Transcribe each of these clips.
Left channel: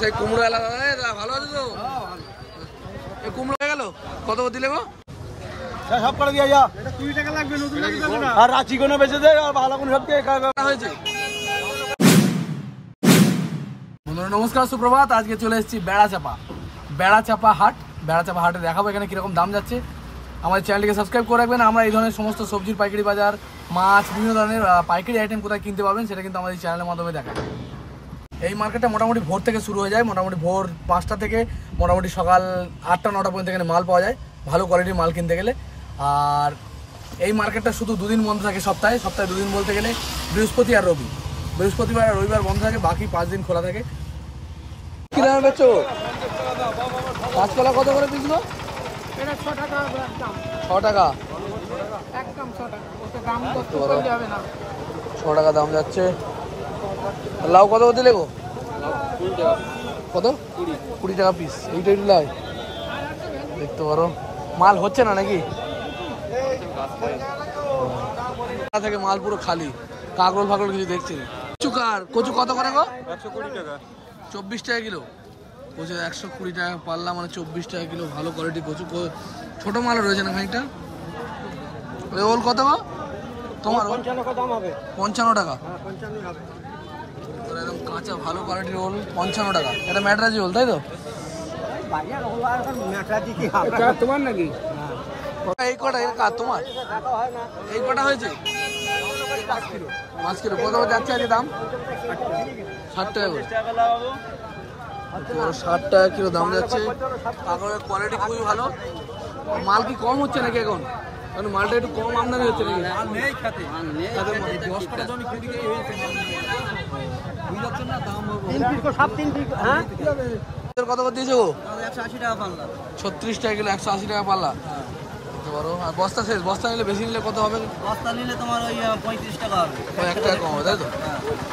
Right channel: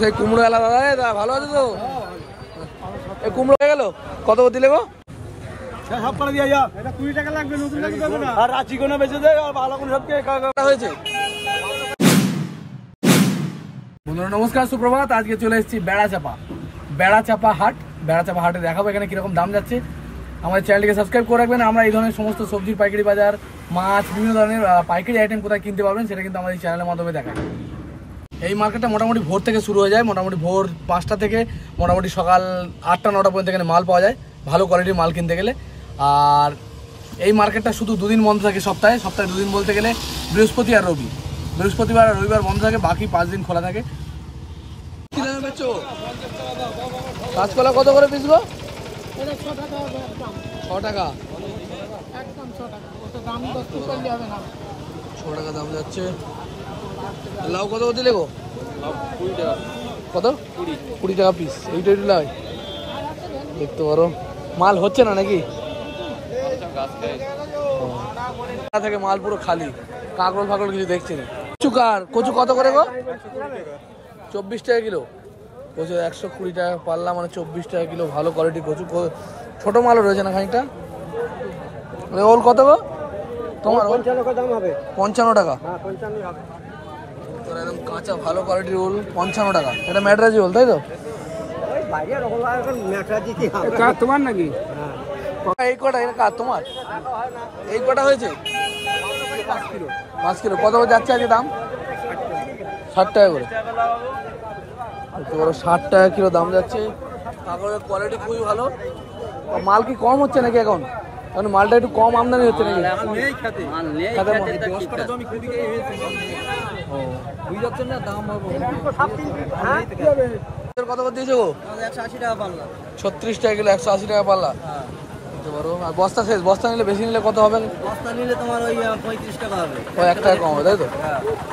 সেই কুমড়ো এলা দাদা ভালো আছে তো? এই কুমড়ো হয়ে গেল, কত দিলে গো? সব করে দিয়া যা, 20 টাকা লাগবে, নতুন লাগবে দেবে না, আর রাঁচি কোনো বেঁচে দে, ভালো করে সবকে হয়েছে। বন্ধুরা নমস্কার, সুপ্রভাত। আজকে চলে এসেছি বেড়াচাপা হাটে দেখাবো এখানে কিরকম দাম যাচ্ছে। আমাদের চ্যানেলটিকে সাবস্ক্রাইব করে রাখবেন। আমরা এই ধরনের সমস্ত সবজির পাইকারি বাজার, মাছ, বিভিন্ন ধরনের পাইকারি আইটেম কোথায় কিনতে পাবেন সেটা কিন্তু আমাদের চ্যানেলের মাধ্যমে দেখায়। এই মার্কেটটা মোটামুটি ভোর থেকে শুরু হয়ে যায়, মোটামুটি ভোর 5টা থেকে মোটামুটি সকাল 8টা-9টা পর্যন্ত এখানে মাল পাওয়া যায়, ভালো কোয়ালিটির মাল কিনতে গেলে। আর এই মার্কেটটা শুধু দুদিন বন্ধ থাকে সপ্তাহে 2 দিন বলতে গেলে বৃহস্পতি আর রবি। বৃহস্পতিবার আর রবিবার বন্ধ থাকে, বাকি 5 দিন খোলা থাকে। কি দামে বেচো? কাঁচকলা কত করে পিস গো? 6 টাকা। 6 টাকা দাম যাচ্ছে। লাউ কত দিলে গো? 20 টাকা। কত? 20 টাকা পিস। এইটা লাউ দেখতে পারো, মাল হচ্ছে না নাকি? থেকে মাল পুরো খালি, কাকড় ফাকড় কিছু দেখছি না। কচু কত করে গো? 120 টাকা। 24 টাকা কিলো কচু, 120 টাকা পাল্লা, মানে 24 টাকা কিলো। ভালো কোয়ালিটি কচু, ছোট মালও রয়েছে না খানিকটা। ওল কত গো তোমার? 55 টাকা। একদম কাঁচা ভালো কোয়ালিটির ওল 55 টাকা। এটা ম্যাটরাজি ওল, তাই তো? তোমার নাকি? এই কটা তোমার? এই কটা হয়েছে 5 কিলো। কত যাচ্ছে আজকে দাম? 60 টাকা করে। 60 টাকা কিলো দাম যাচ্ছে। কাঁকড়ের কোয়ালিটি খুবই ভালো। মাল কি কম হচ্ছে নাকি এখন? কারণ মালটা একটু কম আমদানি হচ্ছে নাকি? কত করে দিয়েছে গো? 180 টাকা পাল্লা। 36 টাকা কিলো, 180 টাকা পাল্লা। আর বস্তা শেষ, বস্তা নিলে বেশি নিলে কত হবে? বস্তা নিলে তোমার ওই 35 টাকা হবে। ওই 1 টাকা কম হবে, তাই তো?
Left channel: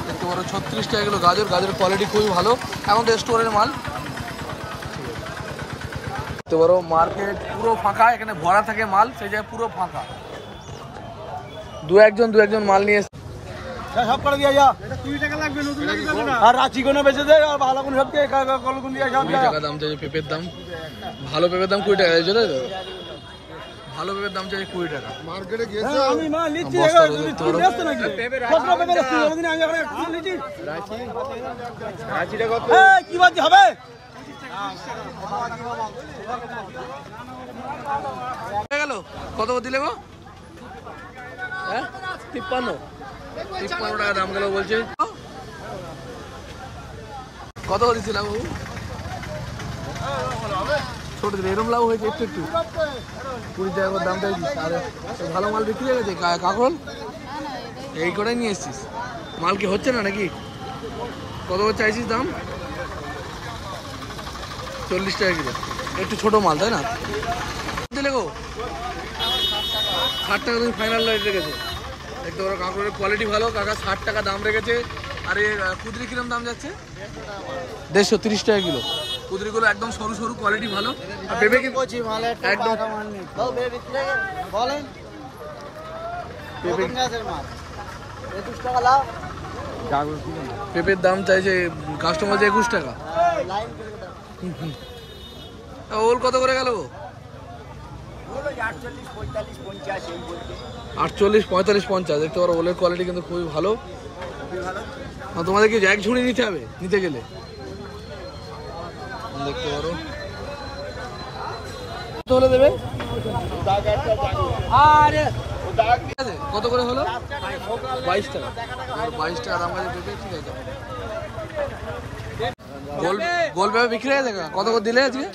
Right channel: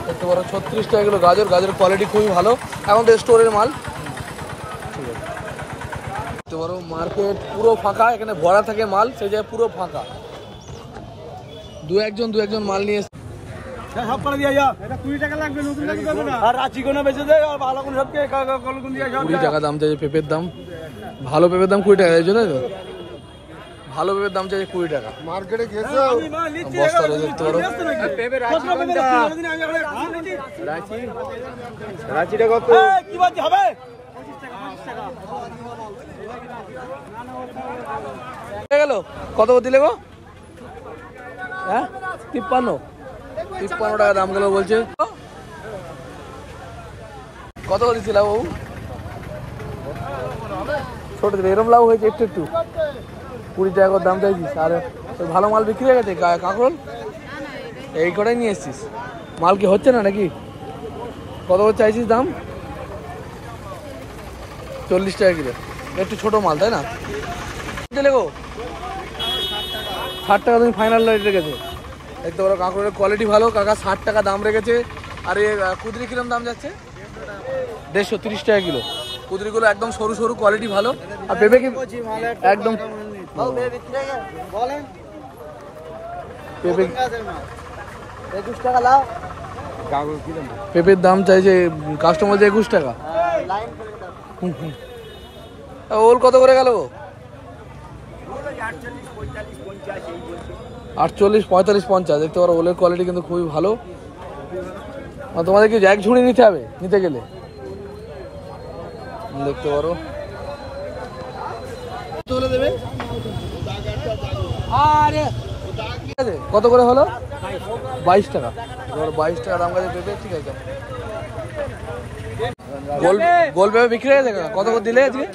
দেখতে পারো 36 টাকা কিলো গাজরের কোয়ালিটি খুবই ভালো। এখন তো স্টোরের মাল। ঠিক আছে, দেখতে পারো মার্কেট পুরো ফাঁকা, এখানে ভরা থাকে মাল, সেই জায়গায় পুরো ফাঁকা। দু একজন মাল নিয়ে সব করে দিয়া যা, 20 টাকা লাগবে, নতুন লাগবে দেবে না, আর রাঁচি কোনো বেঁচে দে, ভালো করে সবকে 20 টাকা দাম চাই পেঁপের দাম। ভালো পেঁপের দাম 20 টাকা, এই জন্য ভালো পেঁপের দাম চাই 20 টাকা। বস্তা রয়েছে, দেখতে পারো। গেল কত দিলে গো? হ্যাঁ 53 টাকা দাম গেল বলছে। কত দিচ্ছি লাউ বাবু? ছোট ছিল, এরম লাউ হয়েছে একটু 20 টাকা দাম চাইছিস। আর ভালো মাল বিক্রি হয়ে গেছে কাকল? এই কটাই নিয়ে এসছিস? মাল কি হচ্ছে না নাকি? কত চাইছিস দাম? 40 টাকা কিলো। একটু ছোট মাল, তাই না? দিলে গো 60 টাকা তুমি ফাইনাল রেট রেখেছো। দেখতে পারো কাঁকড়ের কোয়ালিটি ভালো, কাকা 60 টাকা দাম রেখেছে। আর এই কুদরি কিরম দাম যাচ্ছে? 130 টাকা কিলো। কুদরিগুলো একদম সরু কোয়ালিটি ভালো। আর পেঁপে কি একদম পেঁপের দাম চাইছে কাস্টমার 21 টাকা। ওল কত করে গেল? 48, 45, 50। দেখতে পারো ওলের কোয়ালিটি কিন্তু খুবই ভালো। আর তোমাদের কি এক ঝুড়ি নিতে হবে নিতে গেলে? দেখতে পারো কত দেবে? কত করে হলো? 22 টাকা। 22 টাকা দাম গেছে পেঁপে। ঠিক আছে, গোল পেঁপে বিক্রি হয়ে গেছে। কত করে দিলে আজকে?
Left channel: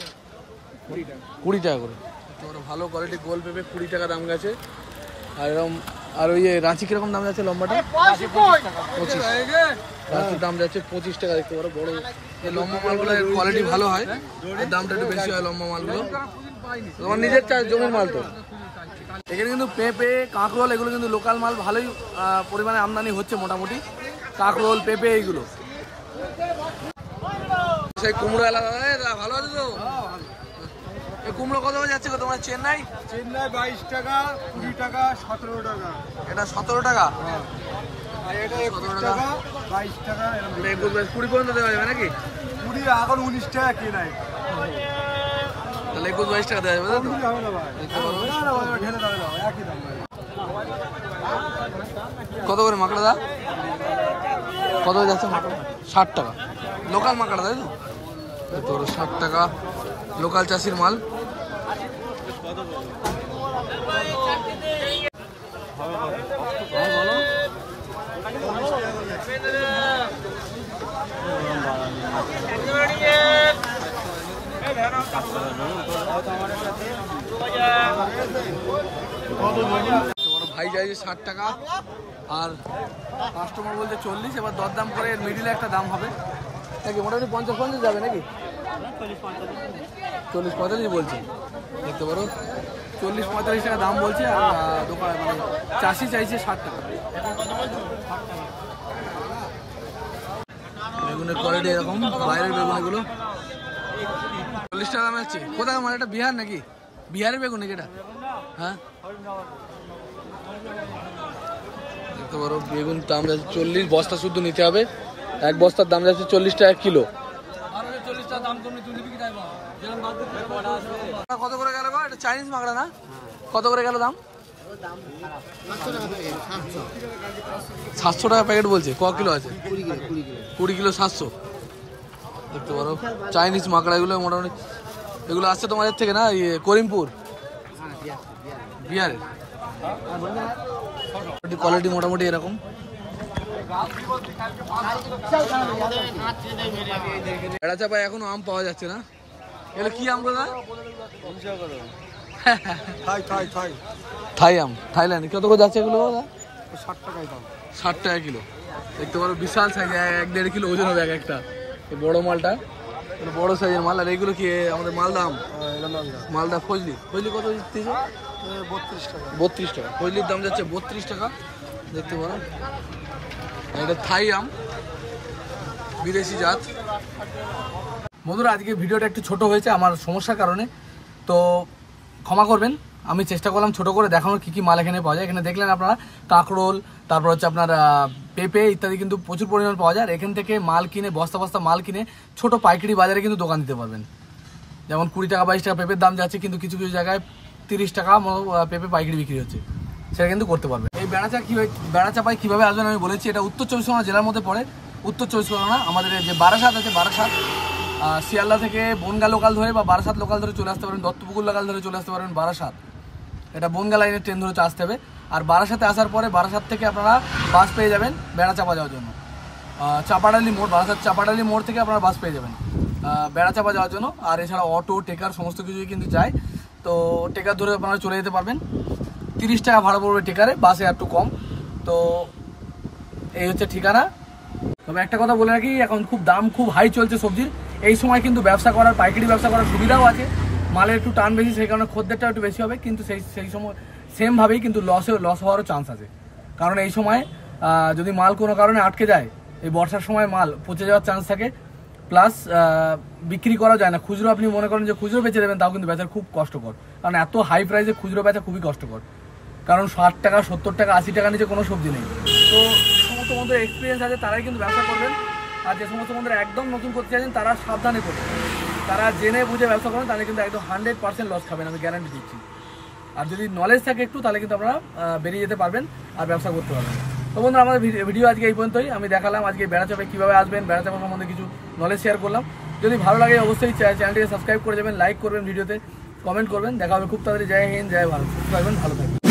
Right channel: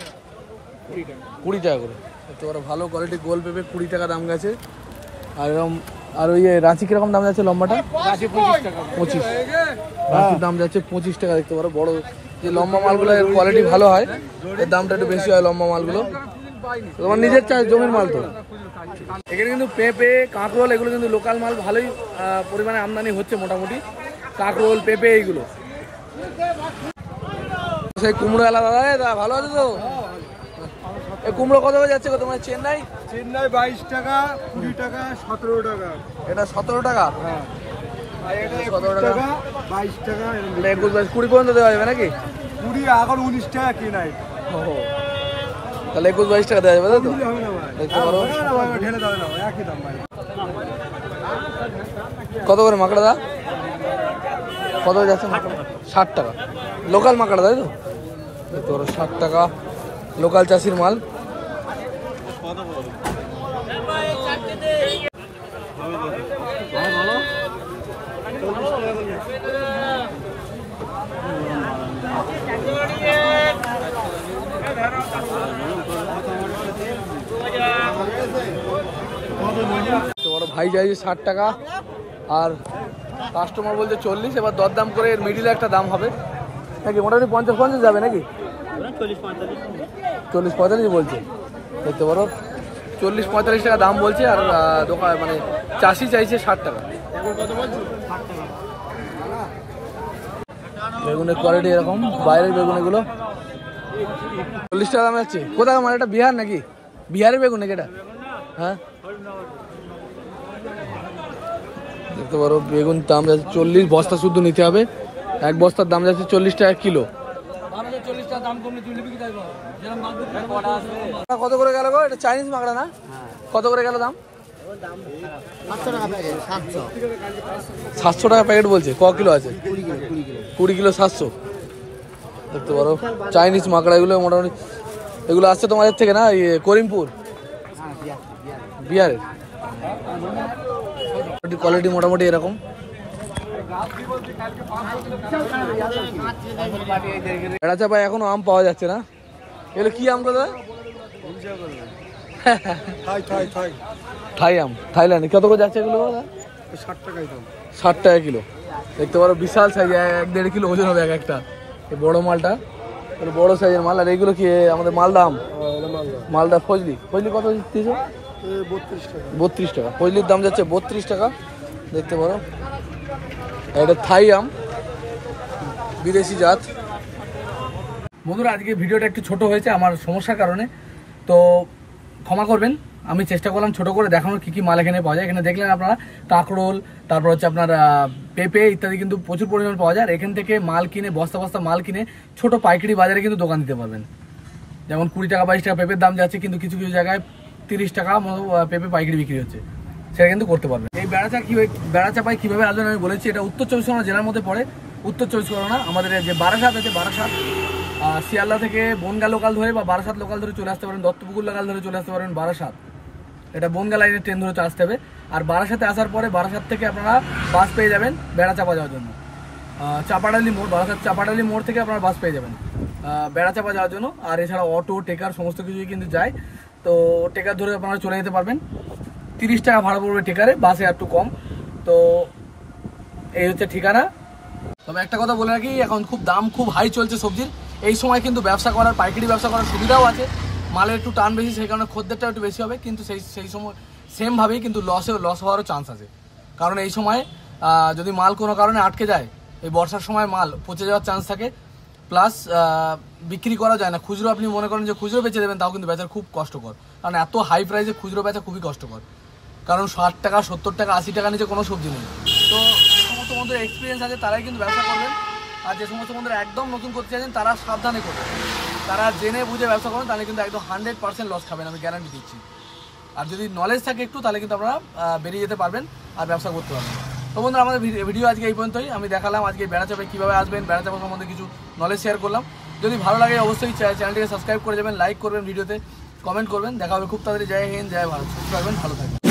20 টাকা করে। দেখতে পারো ভালো কোয়ালিটি গোল পেঁপে 20 টাকা দাম গেছে। আর এরকম, আর ওই রাঁচি কিরকম দাম যাচ্ছে? লম্বাটা 25। রাঁচির দাম যাচ্ছে 25 টাকা। দেখতে পারো বড় যে লম্বা মালগুলো, এর কোয়ালিটি ভালো হয়, এর দামটা একটু বেশি হয় লম্বা মালগুলো। তোমার নিজের চাষ, জমির মাল তো। এখানে কিন্তু পেঁপে, কাঁকরোল এগুলো কিন্তু লোকাল মাল, ভালোই পরিমাণে আমদানি হচ্ছে মোটামুটি। কাঁকরোল, পেঁপে এইগুলো। সেই কুমড়ো এলা দাদা ভালো আছে তো? এই কুমড়ো কত করে যাচ্ছে তোমার? চেন্নাই 22 টাকা, 20 টাকা, 17 টাকা। এটা 17 টাকা। 17 টাকা, 22 টাকা, 20 পর্যন্ত দেওয়া যাবে নাকি? 20 এখন 19 টাকা কি নাই তাহলে 21-22 টাকা দেওয়া যাবে তাই তো? হবে না ভাই দেখতে পারো না ভাই ঢেলে দাও না একই দাম ভাই কত করে মাকড়া দা? কত করে যাচ্ছে মাকড়া? 60 টাকা লোকাল মাকড়া তাই তো? দেখতে পারো 60 টাকা লোকাল চাষির মাল। ভাই বলো বড় ভাই চাইছে 60 টাকা আর কাস্টমার বলতে 40। এবার দরদাম করে মিডিলে একটা দাম হবে নাকি? মোটামুটি 50-50 যাবে নাকি? 40-45 বলছে। দেখতে পারো 40-45 টাকা দাম বলছে আর দোকান মানে চাষি চাইছে 60 টাকা। বেগুনের কোয়ালিটি এরকম, বাইরের বেগুন এগুলো 40 টাকা দাম যাচ্ছে। কোথায় মানে এটা বিহার নাকি? বিহারের বেগুন নাকি এটা? হ্যাঁ দেখতে পারো বেগুন দাম যাচ্ছে 40, বস্তা শুদ্ধ নিতে হবে। এক বস্তার দাম যাচ্ছে 40 টাকা কিলো। কত করে গেল গো? এটা চাইনিজ মাকড়া না? কত করে গেল দাম? 700 টাকা প্যাকেট বলছে। ক কিলো আছে? 20 কিলো 700। দেখতে পারো চাইনিজ মাকড়া এগুলো মোটামুটি এগুলো আসছে তোমাদের থেকে না? করিমপুর বিহারের। কোয়ালিটি মোটামুটি এরকম। বেড়া চাপায় এখনো আম পাওয়া যাচ্ছে না। এগুলো কি আম দাদা? থাই আম, থাইল্যান্ড। কত করে যাচ্ছে এগুলো? 60 টাকাই দাম। 60 টাকা কিলো। দেখতে পারো বিশাল সাইজ, 1-1.5 কিলো ওজন হবে এক একটা। এই বড় মালটা বড় সাইজের মাল। আর এইগুলো কি আমাদের মালদা আম? মালদা ফজলি। ফজলি কত দিচ্ছ? 32 টাকা। ফজলির দাম যাচ্ছে 32 টাকা। দেখতে পারো এটা থাই আম, বিদেশি জাত। বন্ধুরা আজকে ভিডিওটা একটু ছোট হয়েছে আমার সমস্যার কারণে, তো ক্ষমা করবেন। আমি চেষ্টা করলাম ছোট করে দেখানোর কি কি মাল এখানে পাওয়া যায়। এখানে দেখলেন আপনারা কাঁকরোল, তারপর হচ্ছে আপনার পেঁপে ইত্যাদি কিন্তু প্রচুর পরিমাণ পাওয়া যায়। আর এখান থেকে মাল কিনে বস্তা বস্তা মাল কিনে ছোট পাইকারি বাজারে কিন্তু দোকান দিতে পারবেন। যেমন 20 টাকা 22 টাকা পেঁপের দাম যাচ্ছে, কিন্তু কিছু কিছু জায়গায় 30 টাকা পেঁপে পাইকারি বিক্রি হচ্ছে, সেটা কিন্তু করতে পারবেন। এই বেড়া চাপায় কিভাবে আসবেন আমি বলেছি। এটা উত্তর 24 পরগনা জেলার মধ্যে পড়ে। উত্তর 24 পরগনা আমাদের যে বারাসাত আছে, বারাসাত শিয়ালদা থেকে বনগা লোকাল ধরে বা বারাসাত লোকাল ধরে চলে আসতে পারেন, দত্তপুকুর লোকাল ধরে চলে আসতে পারবেন বারাসাত। এটা বনগা লাইনের ট্রেন ধরে আসতে হবে। আর বারাসাতে আসার পরে বারাসাত থেকে আপনারা বাস পেয়ে যাবেন বেড়া চাপা যাওয়ার জন্য। চাপাডালি মোড়, বারাসাত চাপাডালি মোড় থেকে আপনারা বাস পেয়ে যাবেন বেড়া চাপা যাওয়ার জন্য। আর এছাড়া অটো, টেকার সমস্ত কিছুই কিন্তু যায়। তো টেকার ধরে আপনারা চলে যেতে পারবেন। 30 টাকা ভাড়া পড়বে টেকারে, বাসে একটু কম। তো এই হচ্ছে ঠিকানা। তবে একটা কথা বলে রাখি, এখন খুব দাম খুব হাই চলছে সবজির। এই সময় কিন্তু ব্যবসা করার, পাইকারি ব্যবসা করার সুবিধাও আছে। মালের একটু টান বেশি, সেই কারণে খদ্দেরটাও একটু বেশি হবে। কিন্তু সেই সময় সেমভাবেই কিন্তু লস হওয়ারও চান্স আছে। কারণ এই সময় যদি মাল কোনো কারণে আটকে যায়, এই বর্ষার সময় মাল পচে যাওয়ার চান্স থাকে। প্লাস বিক্রি করা যায় না। খুচরো আপনি মনে করেন যে খুচরো বেচে দেবেন, তাও কিন্তু বেচার খুব কষ্টকর। কারণ এত হাই প্রাইসে খুচরো বেচা খুবই কষ্টকর। কারণ 60 টাকা 70 টাকা 80 টাকা নিচে কোনো সবজি নেই। তো যে সমস্ত বন্ধুদের এক্সপিরিয়েন্স আছে তারাই কিন্তু ব্যবসা করবেন। আর যে সমস্ত বন্ধুরা একদম নতুন করতে চাইছেন তারা সাবধানে করবেন। তারা জেনে বুঝে ব্যবসা করেন, তাহলে কিন্তু একদম 100% লস খাবেন, আমি গ্যারান্টি দিচ্ছি। আর যদি নলেজ থাকে একটু, তাহলে কিন্তু আপনারা বেরিয়ে যেতে পারবেন আর ব্যবসা করতে পারবেন। তো বন্ধুরা আমাদের ভিডিও আজকে এই পর্যন্তই। আমি দেখালাম আজকে বেড়া চাপায় কীভাবে আসবেন, বেড়া চাপা সম্বন্ধে কিছু নলেজ শেয়ার করলাম। যদি ভালো লাগে অবশ্যই চ্যানেলটিকে সাবস্ক্রাইব করে যাবেন, লাইক করবেন, ভিডিওতে কমেন্ট করবেন। দেখা হবে খুব তাড়াতাড়ি। জয় হিন্দ, জয় ভারত। সুস্থ থাকবেন, ভালো থাকবেন।